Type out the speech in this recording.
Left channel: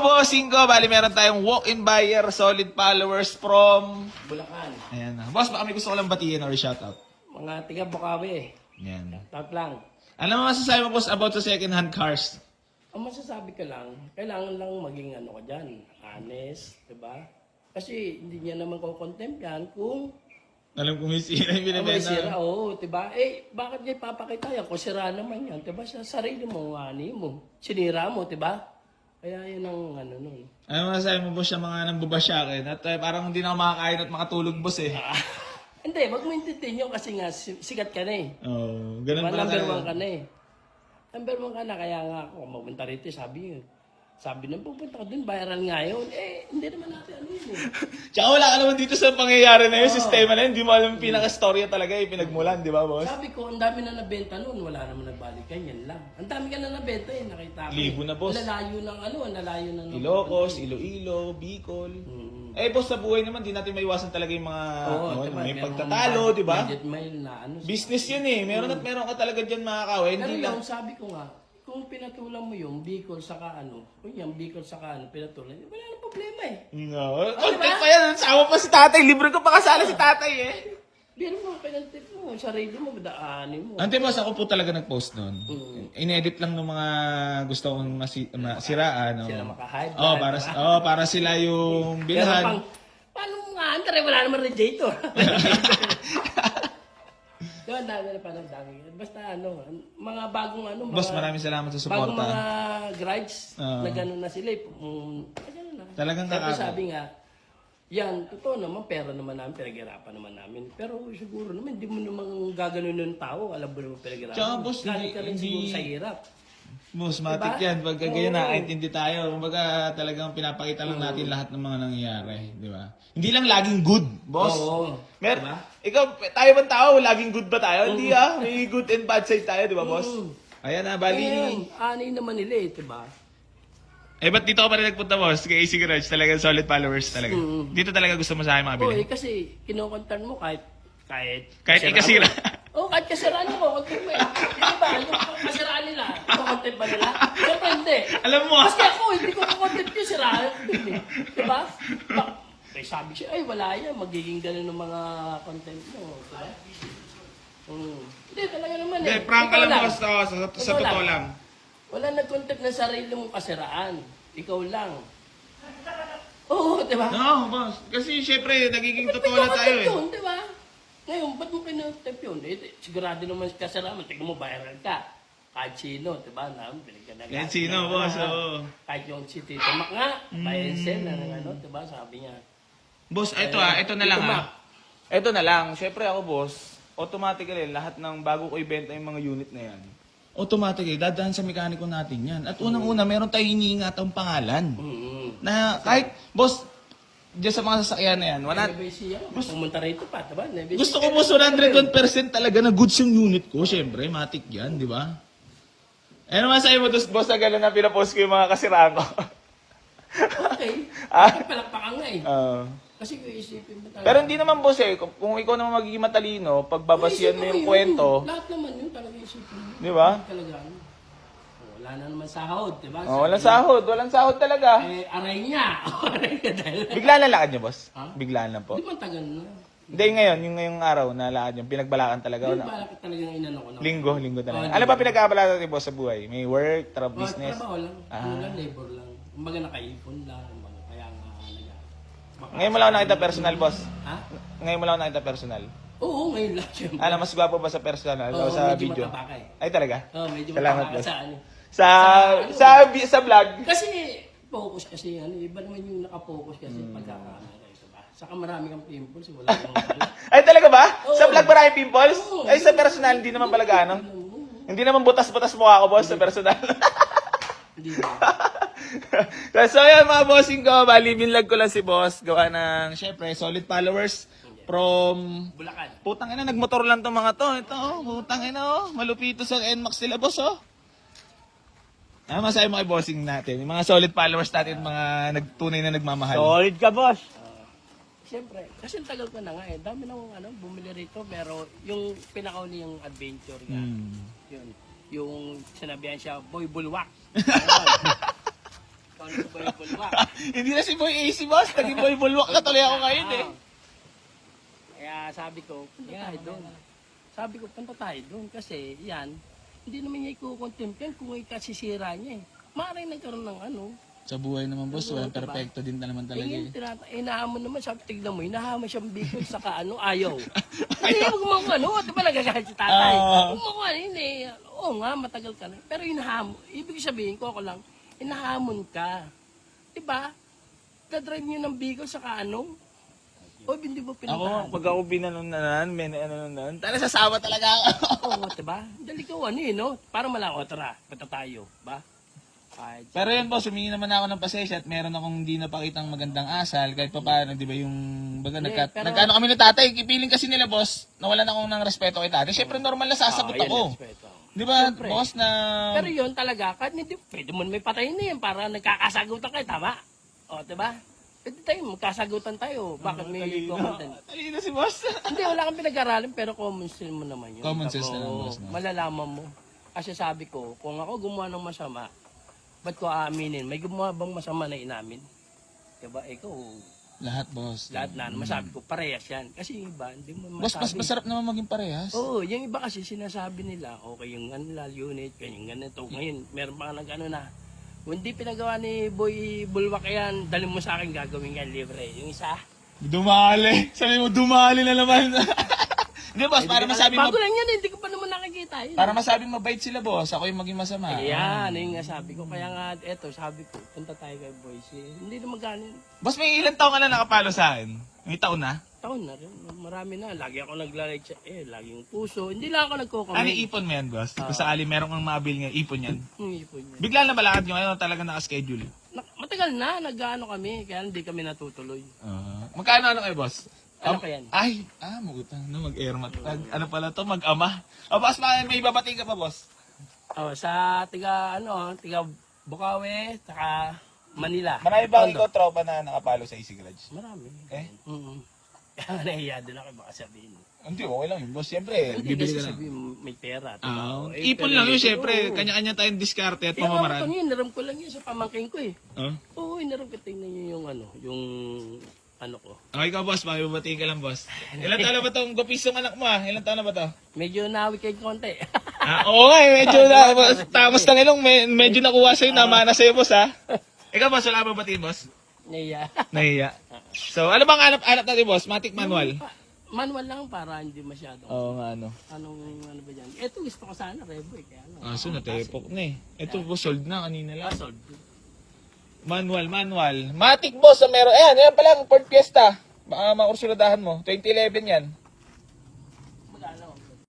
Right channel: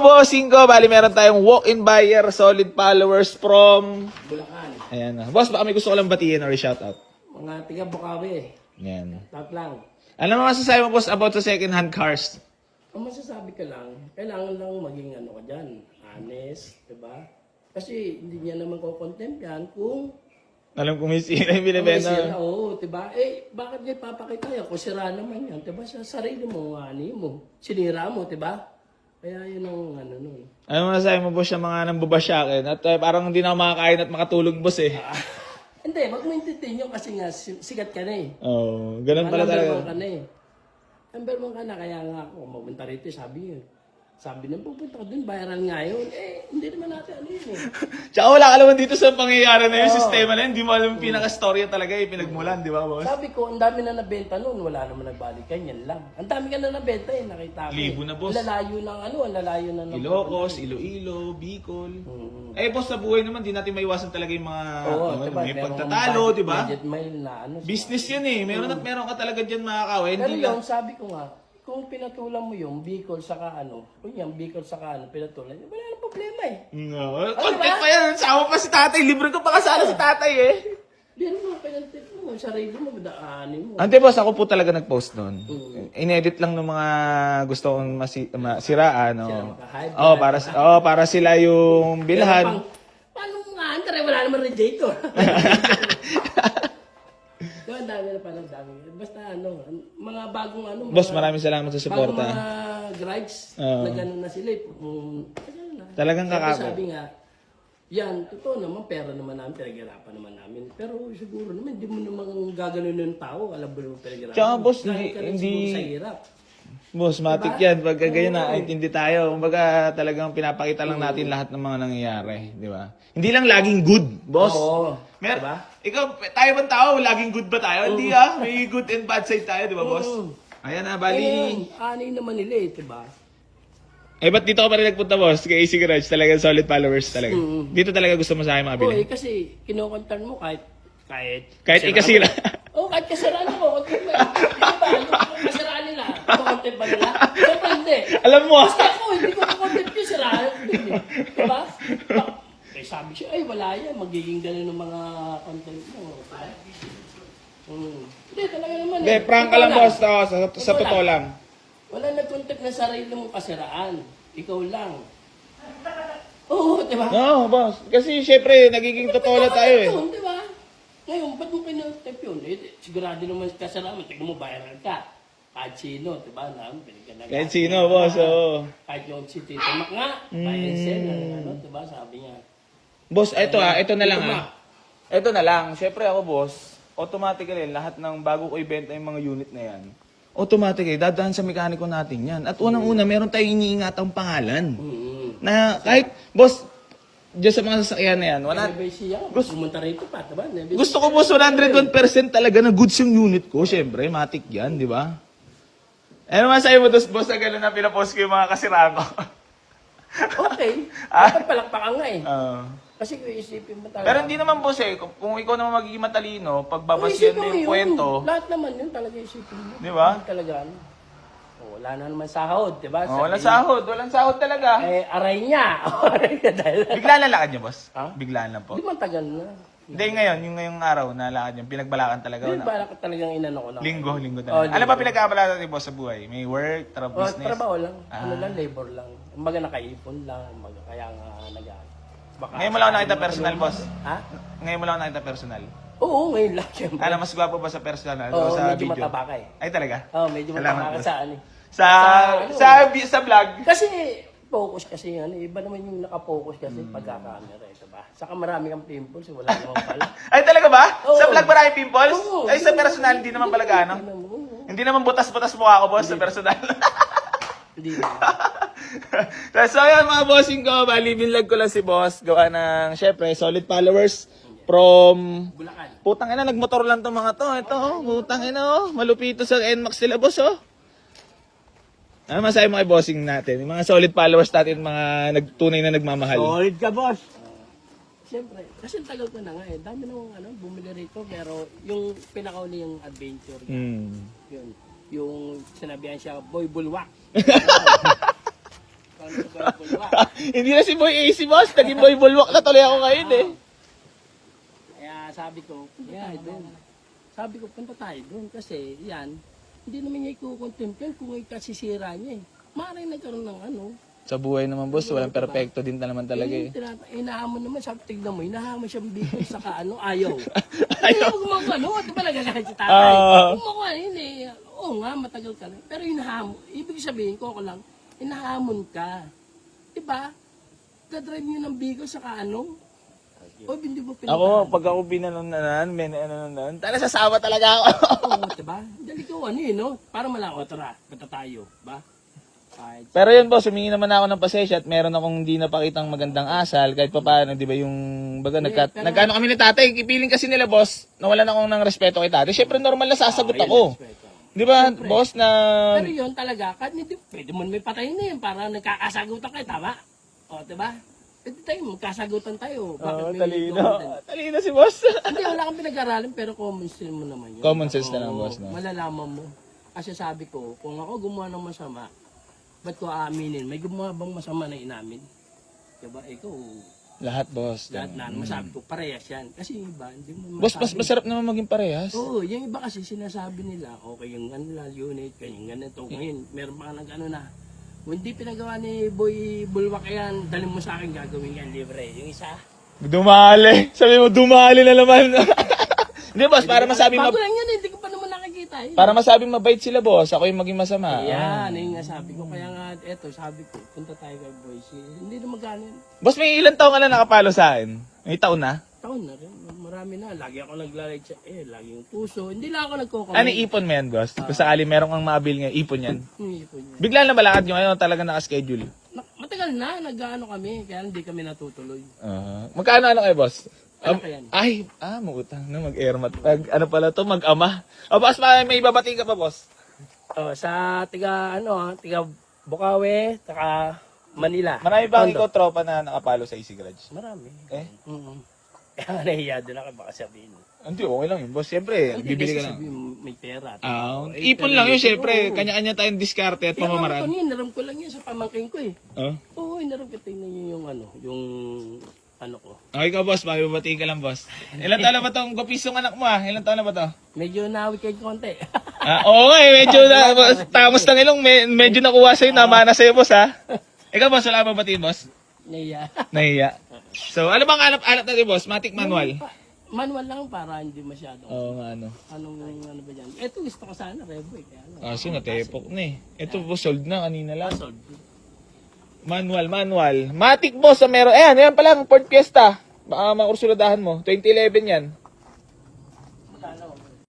mga bossing ko, bali meron tayong walk-in buyer, solid followers from Bulacan. Ayan. Boss, baka may gusto ko lang batiin or shoutout. Mga tiga Bukawi. Ayan. Tat lang. Ano mo masasabi mo, boss, about sa second-hand cars? Ang masasabi ka lang, kailangan lang maging ano ka dyan, honest, diba? Kasi hindi niya naman ko-contempt yan kung Alam ko may sira yung binibenta. sira, oo, diba? Eh, bakit niya papakita yan? Kung sira naman yan, diba? Sa sarili mo, ani mo, sinira mo, diba? Kaya yun ang ano nun. Ano mo masasabi mo, boss, yung mga nambubasyakin? At parang hindi na ako makakain at makatulog, boss eh. Hindi, wag mo intindihin yun kasi nga sikat ka na eh. Oo, ganun pala Number tayo. 1 ka na eh. Number 1 ka na, kaya nga ako, mapunta rito, sabi yun. Sabi na, pupunta ka dun, bayaran nga yun. Eh, hindi naman natin ano yun eh. Tsaka wala ka naman dito sa pangyayari na yung sistema na yun. Hindi mo alam yung pinaka-storya talaga yung pinagmulan, di ba, boss? Sabi ko, ang dami na nabenta noon, wala naman nagbalikan, yan lang. Ang dami ka na nabenta eh, nakita ko. Libo na, boss. Ang lalayo ng ano, ang lalayo na ng... Ilocos, Iloilo, Bicol. Eh, boss, sa buhay naman, di natin maiwasan talaga yung mga Oo, ano, diba? may Merong pagtatalo, di ba? budget mail na ano. Business yun eh. Meron at meron ka talaga dyan makakawin. Pero yun, sabi ko nga, kung pinatulan mo yung Bicol saka ano, kunyang Bicol saka ano, pinatulan, wala nang problema eh. No. Oh, diba? Pa yan, sama pa si tatay. Libre ko pa kasala si tatay eh. Pero mo, pinatip mo, sarili mo, daanin mo. Ante boss, ako po talaga nag-post doon. Inedit lang ng mga gusto kong masiraan. No? Sila maka-hype. Para sila yung bilhan. Paano mo nga, Andre, wala naman radiator. So, ang dami na parang dami. Basta ano, mga bagong ano. Boss, mga, maraming salamat sa bagong suporta. mga grides, Oo. na gano'n na sila. Gano'n na. Talagang Pero kakaka. sabi nga, yan, totoo naman, pera naman namin, pinaghirapan naman namin. Pero siguro naman, hindi mo naman gaganon ng tao, alam mo naman pinaghirapan. Tsaka, boss, Galing ka rin hindi- siguro sa hirap. Boss, matik Diba? yan. Pagka ganyan Oo. nakaintindi tayo. Kumbaga talagang pinapakita lang natin lahat ng mga nangyayari. Di ba? Hindi lang laging good, boss. Oo. Mer- Diba? Ikaw, tayo bang tao? Laging good ba tayo? Hindi ah. May good and bad side tayo, di ba, boss? Ayan na, bali. Ayun, ani naman nila eh, diba? Eh, ba't dito ka pa rin nagpunta, boss? Kay AC Garage, talaga solid followers talaga. Dito talaga gusto mo sa akin Oo, makabili. kasi kinukontan mo kahit Kahit ikasira. Oo, kahit kasiraan ako, konti mo eh. Di ba? Kung kasiraan nila, kukontent ba nila? Siyempre hindi. Alam mo, Kasi ako, hindi ko kukontent yung siraan. Diba? Eh, sabi siya, ay wala yan, magiging ganun ng mga content mo. Diba? Hindi, talaga naman eh. Hindi, prank ka Ikaw lang, boss. Oh, sa Ikaw totoo lang. Wala nag-content ng sarili mong kasiraan. Ikaw lang. Oo, diba? No, boss. Kasi syempre, nagiging totoo na tayo eh. Yun, di ba? Ngayon, ba't mo kinontempt yun? Eh, sigurado naman kasalaman. Tignan mo, viral ka. Kahit sino, di ba? Kahit sino, boss, oo. Kahit yung si Tito Mac nga, Bayensen, ano, di ba? Sabi niya. Boss, ito na lang Tito ha. Mac. Ito na lang. Syempre ako, boss, automatically, lahat ng bago ko ibenta yung mga unit na yan, automatically, dadaan sa mekaniko natin yan. At unang-una, meron tayong iniingatang pangalan. Na kahit, boss, dyan sa mga sasakyan na yan, wala, Nebesi yan. Pumunta rito pa, di ba? Nebesi. gusto ko, boss, 101% talaga na goods yung unit ko. Syempre, matik yan, di ba? Ano man sa'yo mo, boss, na gano'n na pinapost ko yung mga kasiraan ko. Okay. Dapat palakpakan nga eh. Ah. Kasi kung isipin mo talaga. Pero hindi naman, boss, eh. Kung ikaw naman magiging matalino, Kung pagbabas isipin mo mo yung yun, kwento, lahat naman yun talaga isipin mo. Di ba? Hindi talaga ano. Wala na naman sahod, di ba? walang sahod, walang sahod talaga. Eh, aray niya. Aray ka dahil. Bigla na lakad niyo, boss? Ha? Bigla na po. Di man tagal na. Hindi ngayon, yung ngayong araw na lakad niyo, pinagbalakan talaga. Di ba ka talagang inano ko lang? Linggo Oh, talaga. Ano ba pinagkabalakan ni boss sa buhay? May work, business? Trabaho lang. Ano lang, labor lang. Kumbaga nakaipon lang. Kumbaga kaya nga baka Ngayon mo lang nakita personal, boss? Ha? Ngayon mo lang nakita personal? Oo, ngayon lang syempre. Kaya mas gwapo ba sa personal? Oo, sa medyo video? mataba ka eh. Ay talaga? Oo, medyo Salamat, mataba ka boss. sa ano. Sa vlog? Kasi focus kasi ano, iba naman yung nakapokus kasi pagka-camera, ito ba? Saka marami kang pimples, wala naman pala. Ay talaga ba? Oo. Sa vlog ba na pimples? Oo. Ay sa personal, hindi naman pala gano'n. Hindi naman butas-butas mukha ko, boss, sa personal. Hindi naman. So ayan mga bossing ko, bali binlog ko lang si boss. Gawa ng, syempre, solid followers from... Bulacan. Putang ina, nagmotor lang tong mga to. Ito, putang ina, malupito sa NMAX sila, boss, oh. Ano masabi mo kay bossing natin? Yung mga solid followers natin, mga nagtunay na nagmamahal. Solid ka, boss. Siyempre, kasi tagal ko na nga eh. Dami nang bumili rito, pero yung pinakauli yung adventure niya. Yun. Yung sinabihan siya, boy bulwak. Ikaw na si Boy Bulwak. Hindi na si Boy AC, boss. Naging Boy Bulwak na tuloy ako ngayon eh. Kaya sabi ko, punta tayo doon. Sabi ko, punta tayo doon kasi yan, hindi naman niya ikukontent yan kung ikasisira niya eh. Maaaring nagkaroon ng ano. Sa buhay naman, boss, walang perfecto din na naman talaga eh. Inahamon naman, sabi, tignan mo, inahamon siyang biko sa kaano, ayaw. Ayaw gumawa, no? Di ba nagagalit si tatay? Gumawa, hindi. Oo nga, matagal ka na. Pero inahamon, ibig sabihin ko ako lang, inahamon ka. Di ba? Dadrive niyo ng biko sa kaano. O, hindi mo Ako, pinuntahan. pag ako binanunanan, tala sasawa talaga ako. Oo, di ba? Dali ko ano yun, no? Para malang, o tara, punta tayo, ba? Kahit Pero yun, boss, humingi naman ako ng pasensya at meron akong hindi napakitang magandang asal kahit pa paano, di ba, yung baga, pero- nagkano kami ni tatay, ipiling kasi nila, boss, nawalan akong ng respeto kay tatay. Siyempre, normal na sasagot yun, ako. respeto. Di ba, Siyempre. boss, na... Pero yun talaga, kahit hindi, pwede mo may patayin na yun para nagkakasagutan kayo, tama? O, diba? Pwede tayo, magkasagutan tayo. Bakit may comment? Talino si boss. Hindi, wala kang pinag-aralan, pero common sense mo naman yun. Common sense na lang, Oo, boss, no? Malalaman mo. Kasi sabi ko, kung ako gumawa ng masama, ba't ko aaminin? May gumawa bang masama na inamin? Diba, ikaw, Lahat, boss. lahat na, masabi ko, parehas yan. Kasi yung iba, hindi mo Boss, mas masarap naman maging parehas. Oo, yung iba kasi sinasabi nila, okay yung kanila unit, kanyang ganito. Ngayon, meron pa nag-ano na. Kung hindi pinagawa ni Boy Bulwak yan, dalhin mo sa akin gagawin yan libre. Yung isa. Dumali. Sabi mo, dumali na naman. Hindi, boss, para masabi Bago lang yan, hindi ko pa naman nakikita. Yun. para masabi mabait sila, boss. Ako yung maging masama. Ayan, yung nga sabi ko. Kaya nga, eto, sabi ko, punta tayo kay Boise. Hindi na magkano. Boss, may ilang taon ka na nakapalo sa akin? May taon na? Taon na rin. Marami na. Lagi ako naglalay siya. Laging puso. Hindi lang ako nagko-comment. Ano ipon mo yan, boss? Kung sakali meron kang mabil nga, ipon yan. Hindi po niya. Bigla na balakad nyo ngayon, talaga nakaschedule. Matagal na, nag-ano kami. Kaya hindi kami natutuloy. Magkano kayo, boss? Ano ka yan? Ay, magutang na, mag-airmat. Ano pala to, mag-ama. Boss, may babati ka pa, boss? Oh, sa tiga Bukawi, saka Manila. Marami ba Tondo. ikaw tropa na nakapalo sa Easy Garage? Marami. Eh? Kaya nahiya din ako baka sabihin. Hindi, okay lang yun, boss. Siyempre, Hindi bibili kasi ka na. sabihin may pera. Ipon lang yun, siyempre. Kanya-kanya tayong diskarte at Kaya nga pamamaraan. ito niya, naram ko lang yun sa pamangking ko eh. Oh? Oo, naram ko. Tingnan niyo yung ano ko. Okay ka, boss. Makibabatiin ka lang, boss. Ilan taon na ba itong gupisong anak mo, ah? Ilan taon na ba to? Medyo nawi kay konti. Oo nga, medyo na. Tapos ng ilong, medyo nakuha sa'yo. Namana sa'yo, boss, ha? Ikaw, boss, wala ba batiin, boss? Nahiya. Nahiya. So, ano bang alap natin, boss? Matic manual? Manual lang para hindi masyado. Oo nga, ano. Ano ba dyan? Ito gusto ko sana, Rebo eh. Kaya ano. So, natepok na eh. Ito, boss, sold na kanina lang. Sold. Manual. Matic, boss, na meron. Ayan pala, Ford Fiesta. Baka makursulodahan mo. 2011 yan.